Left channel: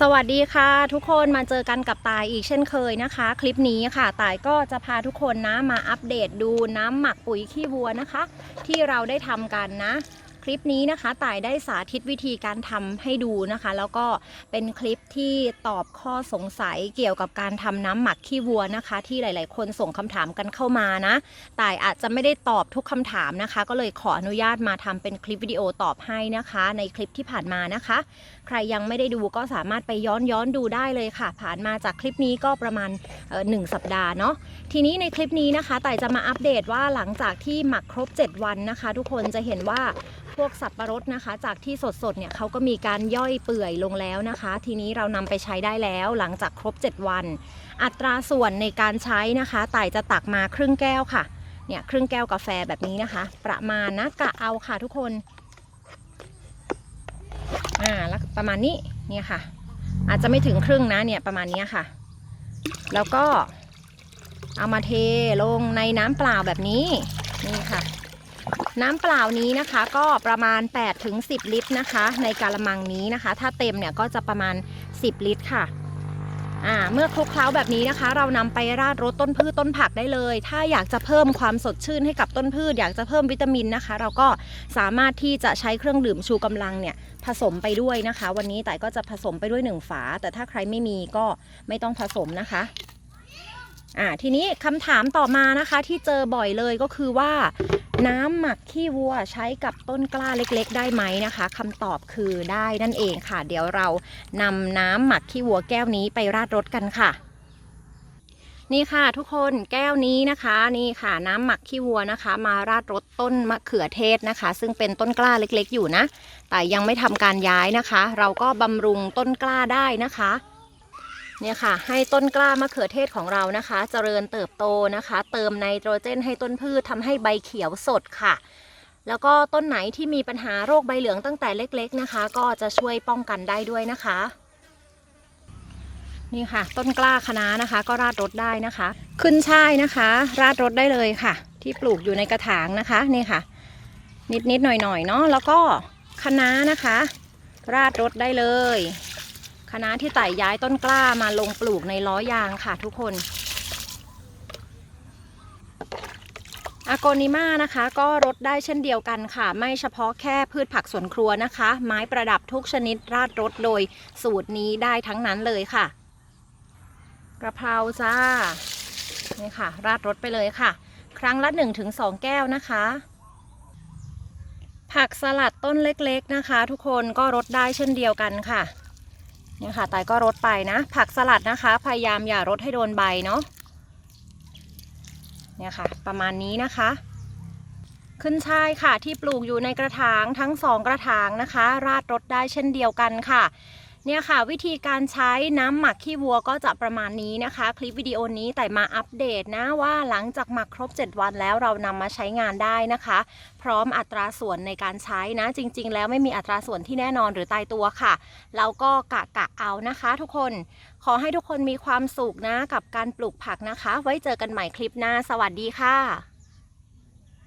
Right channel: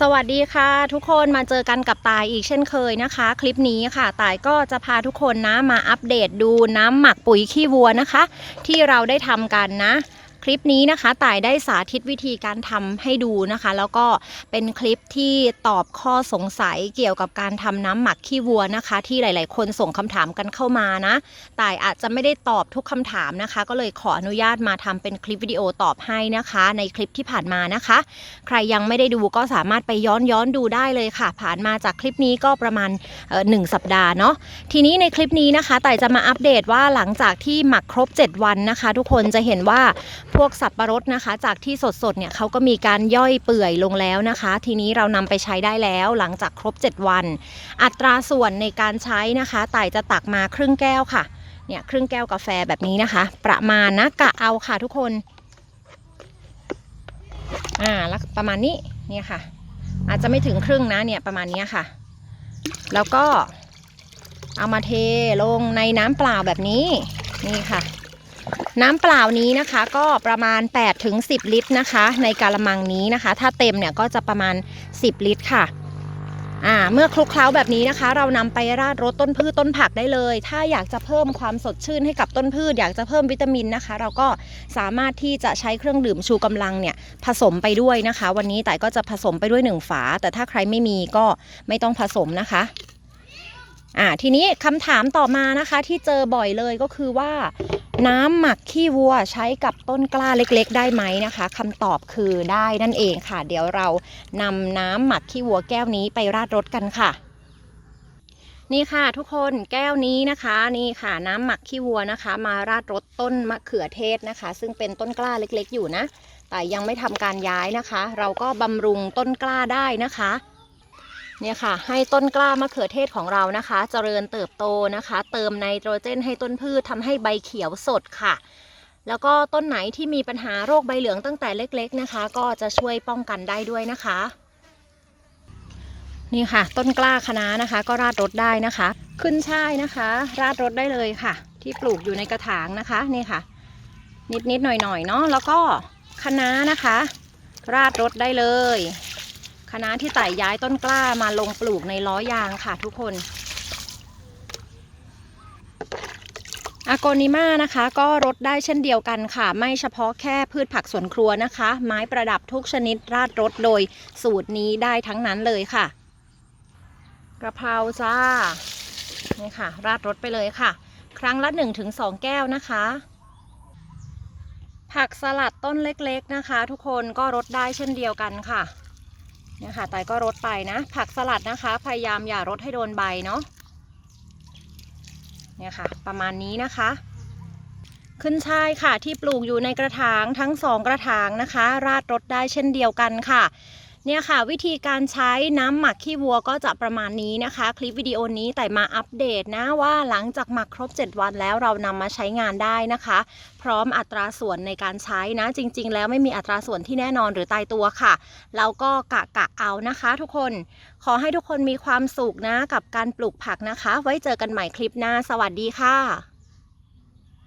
สวัสดีค่ะ ทุกคนมาเจอกันกับตายอีกเช่นเคยนะคะ คลิปนี้ค่ะตายก็จะพาทุกคนนะมาอัปเดตดูน้ำหมักปุ๋ยขี้วัวนะคะ ที่เราได้ทำกันนะ คลิปนี้นะคะต่ายได้สาธิตวิธีการทำให้ดูนะคะ แล้วก็เป็นคลิปที่ตอบข้อสงสัยเกี่ยวกับการทำน้ำหมักขี้วัวนะคะ ที่หลาย ๆ คนส่งคำถามกันเข้ามานะต่ายอาจจะไม่ได้ตอบทุกคำถามนะคะ ก็เลยขออนุญาตมาทำเป็นคลิปวิดีโอตอบให้นะคะ ในคลิปที่ผ่านมานะคะ ใครยังไม่ได้ดูก็สามารถไปย้อนย้อนดูได้เลยค่ะ ผ่านมาจากคลิปนี้ก็ประมาณหนึ่งสัปดาห์เนาะทีนี้ในคลิปนี้นะคะต่ายจะมาอัปเดตว่าหลังจากที่หมักครบ 7 วันนะคะ ทุกคนจะเห็นว่าพวกสับประรดนะคะ จากที่สดๆเนี่ยเขาก็มีการย่อยเปื่อยลงแล้วนะคะ ทีนี้เรานำไปใช้ได้แล้วหลังจากครบ 7 วัน อัตราส่วนในการใช้นะคะต่ายจะตักมาครึ่งแก้วค่ะเนี่ยครึ่งแก้วกาแฟแบบนี้นะคะ ประมาณนะกะเอาค่ะทุกคนอ่าแล้วประมาณนี้เนี่ยค่ะ อาจจะไม่ถึงครึ่งนะเนี่ยประมาณนี้ค่ะ แล้วก็เอามาเทลงในน้ำเปล่าแบบนี้นี่ค่ะ น้ำเปล่านี้นะคะก็ประมาณ 8 ถึง 10 ลิตรนะคะ ในกาละมังนี้นะคะ ถ้าเต็มเนี่ยก็จะประมาณ 10 ลิตรค่ะอ่าเมื่อคลุกเคล้าแบบนี้นะคะ เรานำไปราดรดต้นพืชต้นผักได้เลย ถ้าอยากจะเพิ่มความสดชื่นให้กับต้นพืช อยากจะเพิ่มวิตามินนะคะ เราก็สามารถที่จะใช้เครื่องดื่มชูกำลังเนี่ยผสมไปด้วยนะคะ วันนี้แต่ก็จะผสมไปด้วยหนึ่งฝา แต่ถ้าใครไม่มีก็ไม่ต้องผสมนะคะ อ่าทีนี้คำถามต่อมานะคะที่เจอบ่อยเลยก็คือว่า น้ำหมักขี้วัวใช้กับต้นกล้าเล็กๆ ได้ไหมนะคะคำตอบคือได้นั่นเองค่ะ เดี๋ยวเรานำน้ำหมักขี้วัวแก้วนี้ไปราดรถกันค่ะ นี่ค่ะทุกคนแก้วนี้นะคะนี่ค่ะน้ำหมักขี้วัวนะคะ มาราดรถต้นมะเขือเทศนะคะ ซึ่งเป็นต้นกล้าเล็กๆ อยู่นะ แต่ยังไม่ทำการย้ายนะคะ เราก็บำรุงต้นกล้าได้นะคะ เนี่ยค่ะ ให้ต้นกล้ามะเขือเทศของเรานะคะ เจริญเติบโตนะคะ เติมไนโตรเจนให้ต้นพืชทำให้ใบเขียวสดค่ะ แล้วก็ต้นไหนที่มีปัญหาโรคใบเหลืองตั้งแต่เล็กๆนะคะ ก็จะช่วยป้องกันได้ด้วยนะคะ นี่ค่ะ ต้นกล้าคะน้านะคะ ก็ราดรถได้นะคะ ขึ้นช่ายนะคะ ราดรถได้เลยค่ะ ที่ปลูกอยู่ในกระถางนะคะนี่ค่ะ นิดๆหน่อยๆเนาะแล้วก็คะน้านะคะ ราดรถได้เลย คณะที่ไต่ย้ายต้นกล้ามาลงปลูกในล้อยางค่ะทุกคนอากนิมานะคะก็รดได้เช่นเดียวกันค่ะ ไม่เฉพาะแค่พืชผักสวนครัวนะคะ ไม้ประดับทุกชนิดราดรดโดยสูตรนี้ได้ทั้งนั้นเลยค่ะ กระเพราจ้านี่ค่ะ ราดรดไปเลยค่ะ ครั้งละ 1-2 แก้วนะคะ ผักสลัดต้นเล็กๆนะคะ ทุกคนก็รดได้เช่นเดียวกันค่ะ เนี่ยค่ะไตก็รดไปนะ ผักสลัดนะคะ พยายามอย่ารดให้โดนใบเนาะเนี่ยค่ะ ประมาณนี้นะคะ ขึ้นช่ายค่ะที่ปลูกอยู่ในกระถางทั้งสองกระถางนะคะ ราดรดได้เช่นเดียวกันค่ะ เนี่ยค่ะวิธีการใช้น้ำหมักขี้วัวก็จะประมาณนี้นะคะ คลิปวิดีโอนี้แต่มาอัปเดตนะว่าหลังจากหมักครบ 7 วันแล้วเรานำมาใช้งานได้นะคะ พร้อมอัตราส่วนในการใช้นะ จริง ๆ แล้วไม่มีอัตราส่วนที่แน่นอนหรือตายตัวค่ะเราก็กะกะเอานะคะ ทุกคนขอให้ทุกคนมีความสุขนะกับการปลูกผักนะคะ ไว้เจอกันใหม่คลิปหน้า สวัสดีค่ะ